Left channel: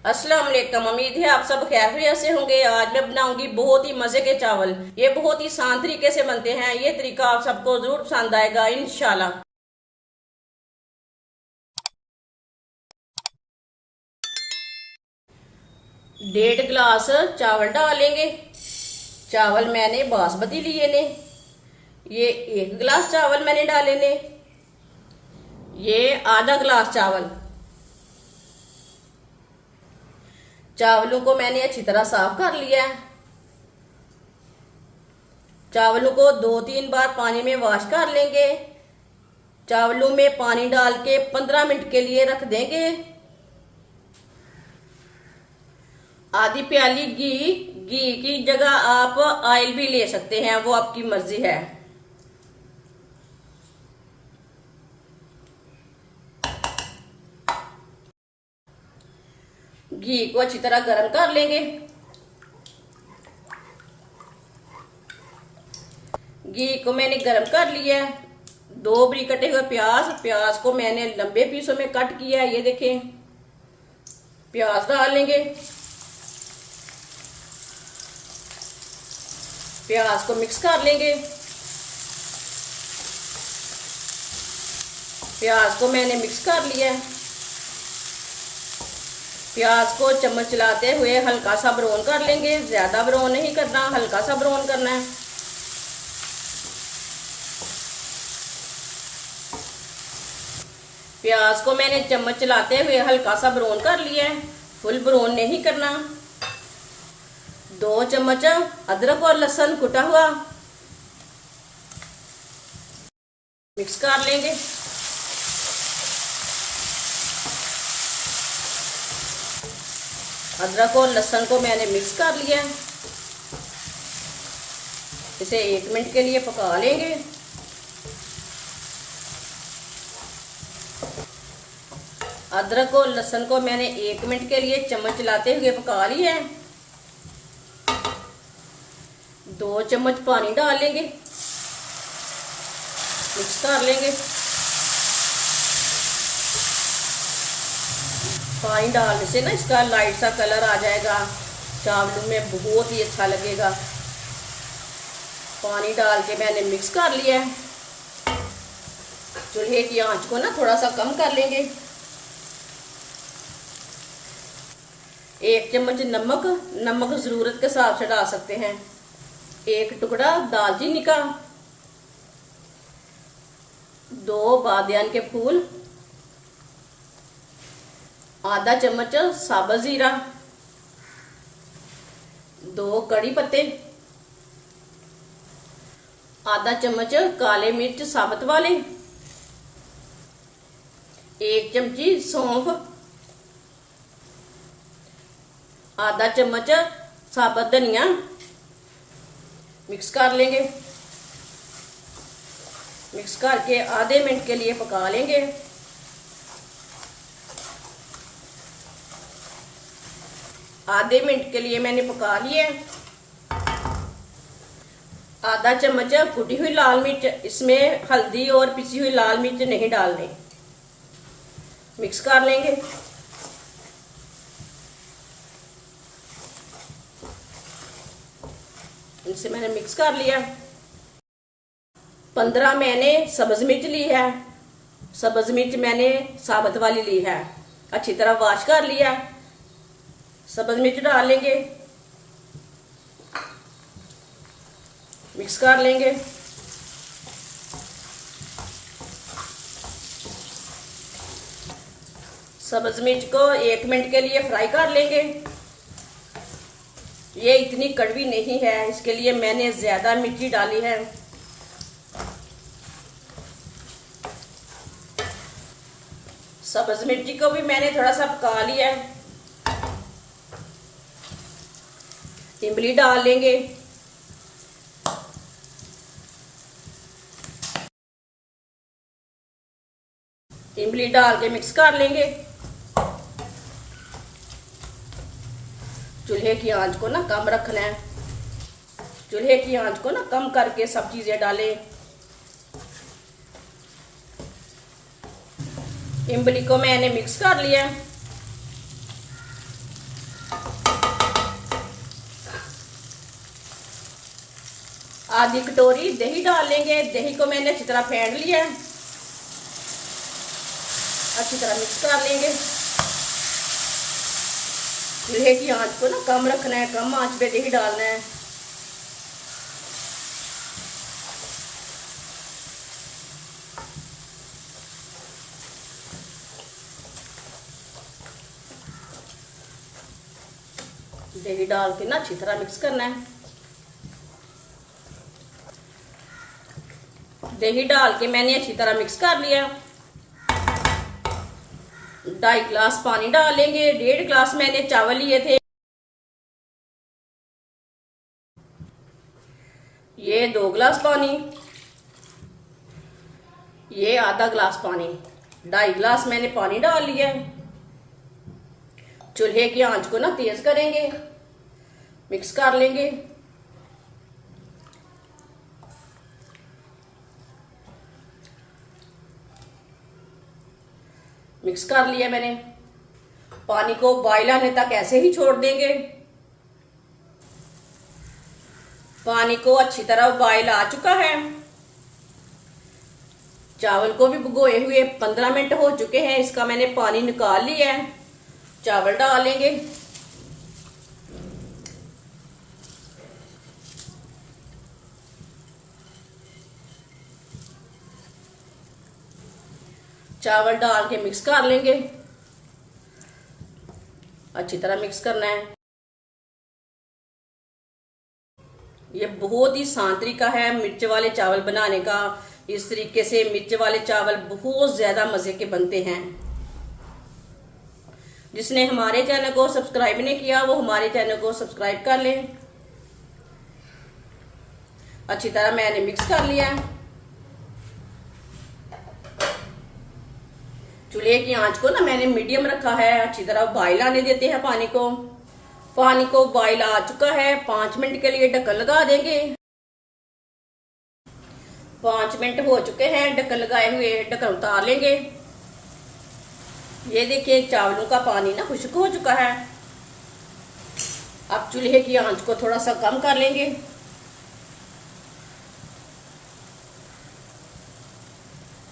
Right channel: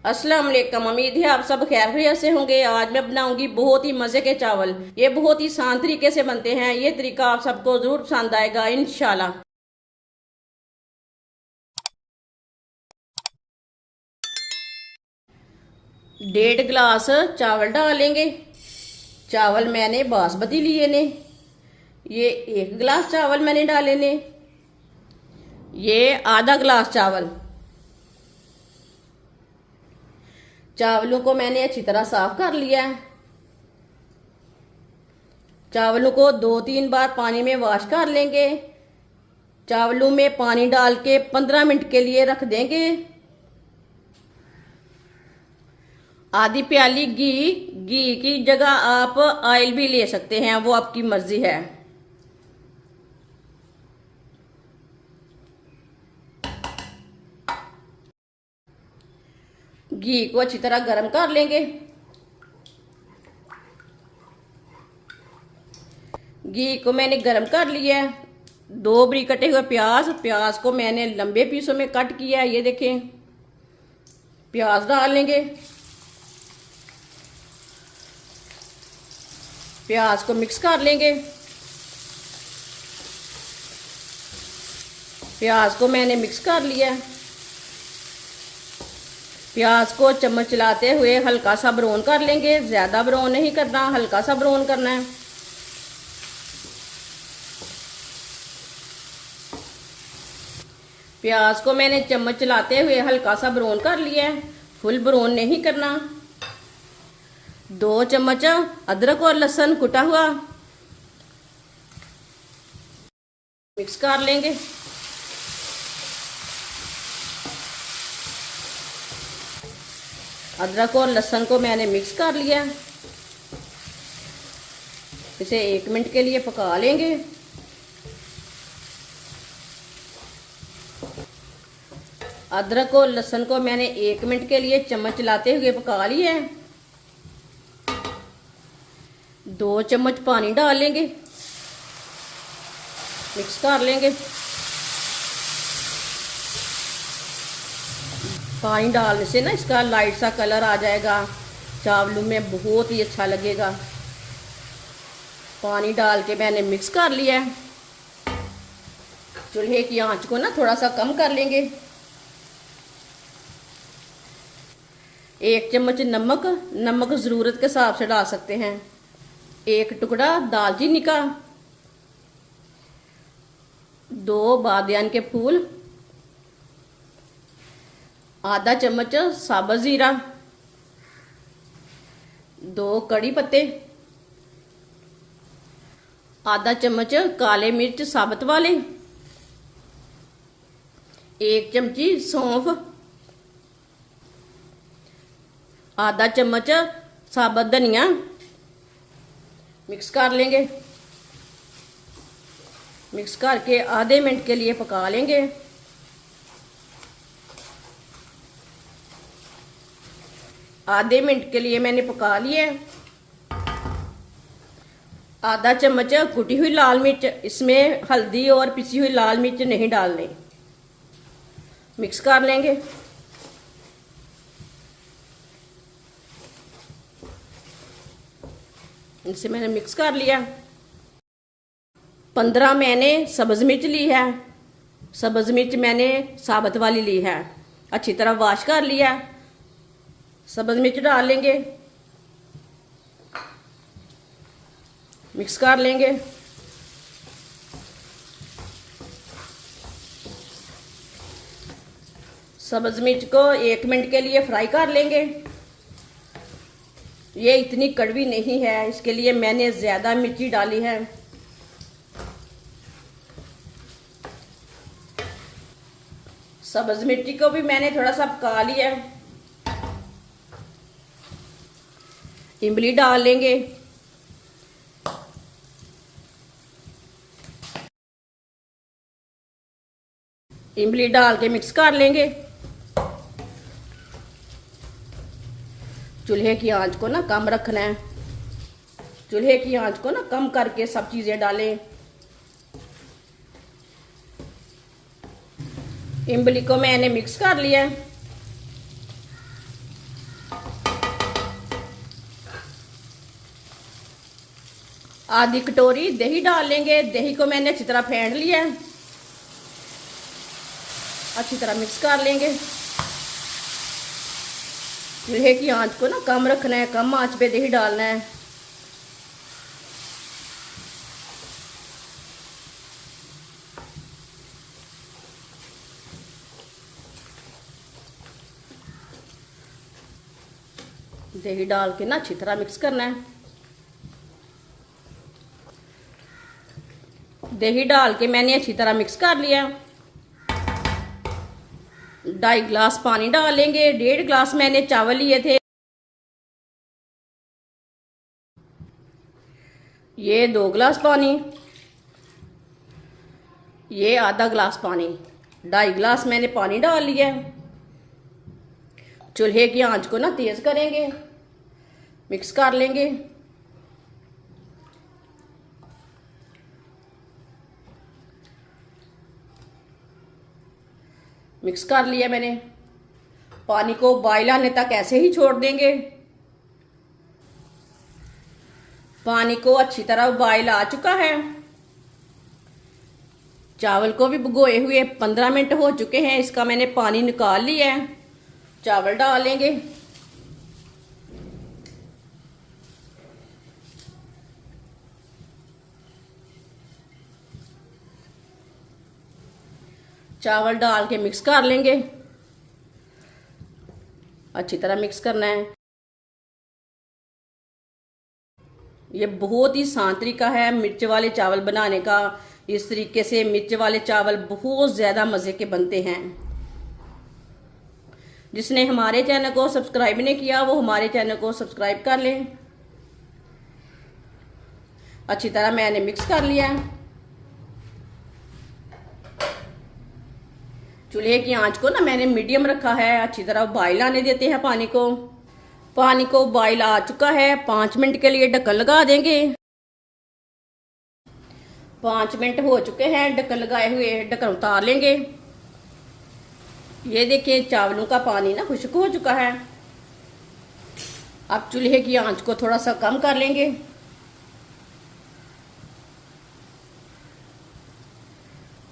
अस्सलाम वालेकुम। उम्मीद है आप सब खैरियत से होंगे। आज मैं बनाऊंगी बहुत ही मजे के चावल। ये बहुत ही आसान तरीके से बनते हैं। ये तरीका आप सबको जरूर पसंद आएगा इंशाल्लाह। 1.5 गिलास चावल डालेंगे। चावल मैंने बासमती लिए ने। ये 1 गिलास चावल मैंने डाले ने। ये आधा गिलास चावल। चावलों को मैंने अच्छी तरह साफ कर लिया है। चावलों को 2-3 बार पानी में वॉश कर लेंगे। चावलों में पानी डाल के 15 मिनट के लिए रख देंगे। आधी प्याली घी की जगह आप ऑयल भी ले सकते हैं, वो आपकी मर्जी है। घी को अच्छी तरह गर्म कर लेंगे। घी को मैंने गर्म कर लिया है। 2 बरीक कटे हुए प्याज को मैंने लंबे पीसों में कट किया है। ये देखें, प्याज डाल लेंगे। प्याज को मिक्स कर लेंगे। प्याज को मैंने मिक्स कर लिया है। प्याज को चम्मच चलाते हुए हल्का सा ब्राउन कर लेंगे। ज्यादा ब्राउन नहीं करना, हल्का सा ब्राउन करना है। प्याज को मैंने चम्मच चलाते हुए हल्का सा ब्राउन कर लिया है, फुल ब्राउन नहीं करना। 2 चम्मच अदरक और लहसुन कुटा हुआ मिक्स कर लेंगे। अदरक और लहसुन को मैंने मिक्स कर लिया। इसे 1 मिनट के लिए पका लेंगे। अदरक और लहसुन को मैंने 1 मिनट के लिए चम्मच चलाते हुए पका लिया है। 2 चम्मच पानी डाल लेंगे, मिक्स कर लेंगे। पानी डालने से ना इसका लाइट सा कलर आ जाएगा, चावलों में बहुत ही अच्छा लगेगा। पानी डाल के मैंने मिक्स कर लिया है। चूल्हे की आंच को ना थोड़ा सा कम कर लेंगे। 1 चम्मच नमक जरूरत के हिसाब से डाल सकते हैं। 1 टुकड़ा दालचीनी का, 2 बादियान के फूल, आधा चम्मच साबुत जीरा, 2 कड़ी पत्ते, आधा चम्मच काले मिर्च साबुत वाले, 1 चमची सौंफ, आधा चम्मच साबुत धनिया। मिक्स कर लेंगे। मिक्स करके आधे मिनट के लिए पका लेंगे। आधे मिनट के लिए मैंने पका लिया। आधा चम्मच कुटी हुई लाल मिर्च, इसमें हल्दी और पिसी हुई लाल मिर्च नहीं डालने। मिक्स कर लेंगे। इसे मैंने मिक्स कर लिया। 15 मैंने सब्ज मिर्च ली है। सब्ज मिर्च मैंने साबुत वाली ली है। अच्छी तरह वॉश कर लिया। सब्ज मिर्च डाल लेंगे, मिक्स कर लेंगे। सब्ज मिर्च को 1 मिनट के लिए फ्राई कर लेंगे। ये इतनी कड़वी नहीं है, इसके लिए मैंने ज्यादा मिर्ची डाली है। सब्ज मिर्ची को भी मैंने थोड़ा सा पका लिया। इमली डाल लेंगे। इमली डाल के मिक्स कर लेंगे। चूल्हे की आंच को ना कम रखना है। चूल्हे की आंच को ना कम करके सब चीजें डालें। इमली को मैंने मिक्स कर लिया। आधी कटोरी दही डाल लेंगे। दही को मैंने अच्छी तरह फेंट लिया है, अच्छी तरह मिक्स कर लेंगे। चूल्हे की आंच को ना कम रखना है, कम आंच पे दही डालना है। दही डाल के ना अच्छी तरह मिक्स करना है। दही डाल के मैंने अच्छी तरह मिक्स कर लिया। 2.5 गिलास पानी डाल लेंगे। 1.5 गिलास मैंने चावल लिए थे, ये 2 गिलास पानी, ये आधा गिलास पानी। 2.5 गिलास मैंने पानी डाल लिया। चूल्हे की आंच को ना तेज करेंगे, मिक्स कर लेंगे। मिक्स कर लिया मैंने। पानी को बॉयल आने तक ऐसे ही छोड़ देंगे। पानी को अच्छी तरह बॉयल आ चुका है। चावल को भी भिगोए हुए 15 मिनट हो चुके हैं। इसका मैंने पानी निकाल लिया है। चावल डाल लेंगे। चावल डाल के मिक्स कर लेंगे, अच्छी तरह मिक्स करना है। ये बहुत ही आसान तरीका है मिर्च वाले चावल बनाने का। इस तरीके से मिर्च वाले चावल बहुत ज्यादा मजे के बनते हैं। जिसने हमारे चैनल को सब्सक्राइब नहीं किया वो हमारे चैनल को सब्सक्राइब कर लें। अच्छी तरह मैंने मिक्स कर लिया। चूल्हे की आंच को ना मैंने मीडियम रखा है। अच्छी तरह बॉयल आने देते हैं पानी को। पानी को बॉयल आ चुका है। 5 मिनट के लिए ढक्कन लगा देंगे। 5 मिनट हो चुके हैं ढक्कन लगाए हुए। ढक्कन उतार लेंगे। ये देखिए चावलों का पानी ना खुश्क हो चुका है। अब चूल्हे की आंच को थोड़ा सा कम कर लेंगे।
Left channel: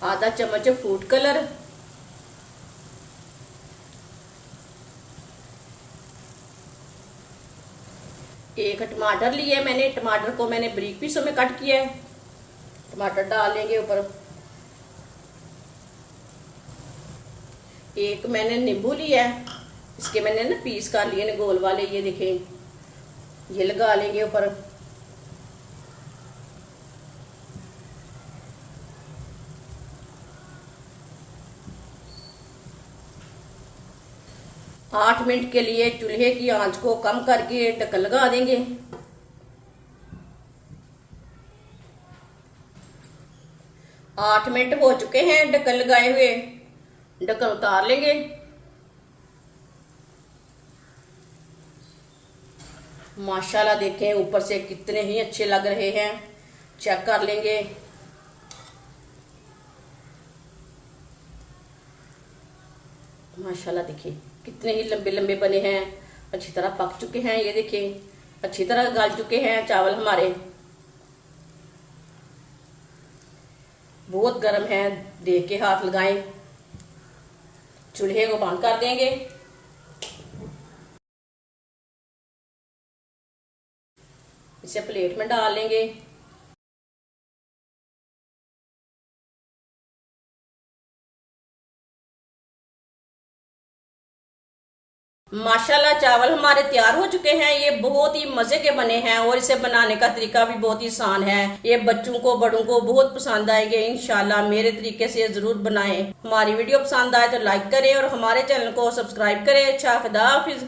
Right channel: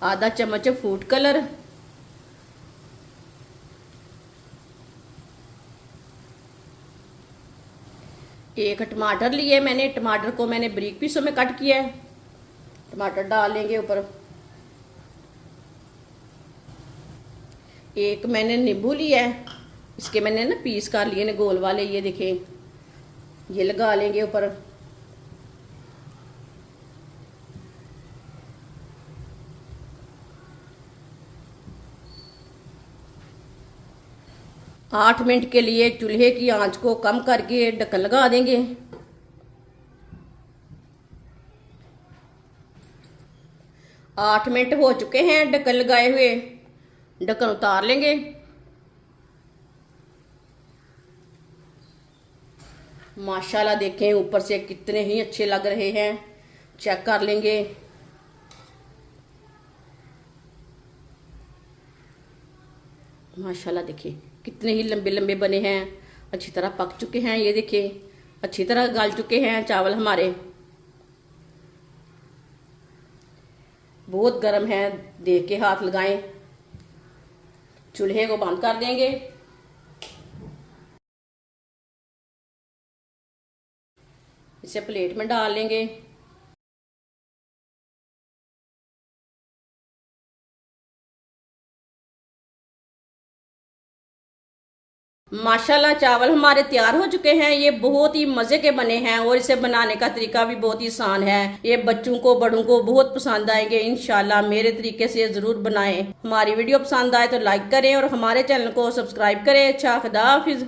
आधा चम्मच फूड कलर, एक टमाटर लिए मैंने। टमाटर को मैंने बारीक पीसों में कट किया है। टमाटर डाल लेंगे ऊपर। एक मैंने नींबू लिया है, इसके मैंने ना पीस कर लिए गोल वाले। ये देखें, ये लगा लेंगे ऊपर। आठ मिनट के लिए चूल्हे की आंच को कम करके ढक्कन लगा देंगे। 8 मिनट हो चुके हैं ढक्कन लगाए हुए। ढक्कन उतार लेंगे। माशाल्लाह देखें ऊपर से कितने ही अच्छे लग रहे हैं। चेक कर लेंगे। माशाल्लाह देखिए कितने ही लंबे लंबे बने हैं। अच्छी तरह पक चुके हैं। ये देखिए अच्छी तरह गल चुके हैं चावल हमारे। बहुत गर्म है, देख के हाथ लगाएं। चूल्हे को बंद कर देंगे। इसे प्लेट में डाल लेंगे। माशाल्लाह चावल हमारे तैयार हो चुके हैं। ये बहुत ही मजे के बने हैं और इसे बनाने का तरीका भी बहुत ही आसान है। ये बच्चों को बड़ों को बहुत पसंद आएंगे। इंशाल्लाह मेरे तरीके से जरूर बनाएं। हमारी वीडियो पसंद आए तो लाइक करें और हमारे चैनल को सब्सक्राइब करें। अच्छा, खुदा हाफिज।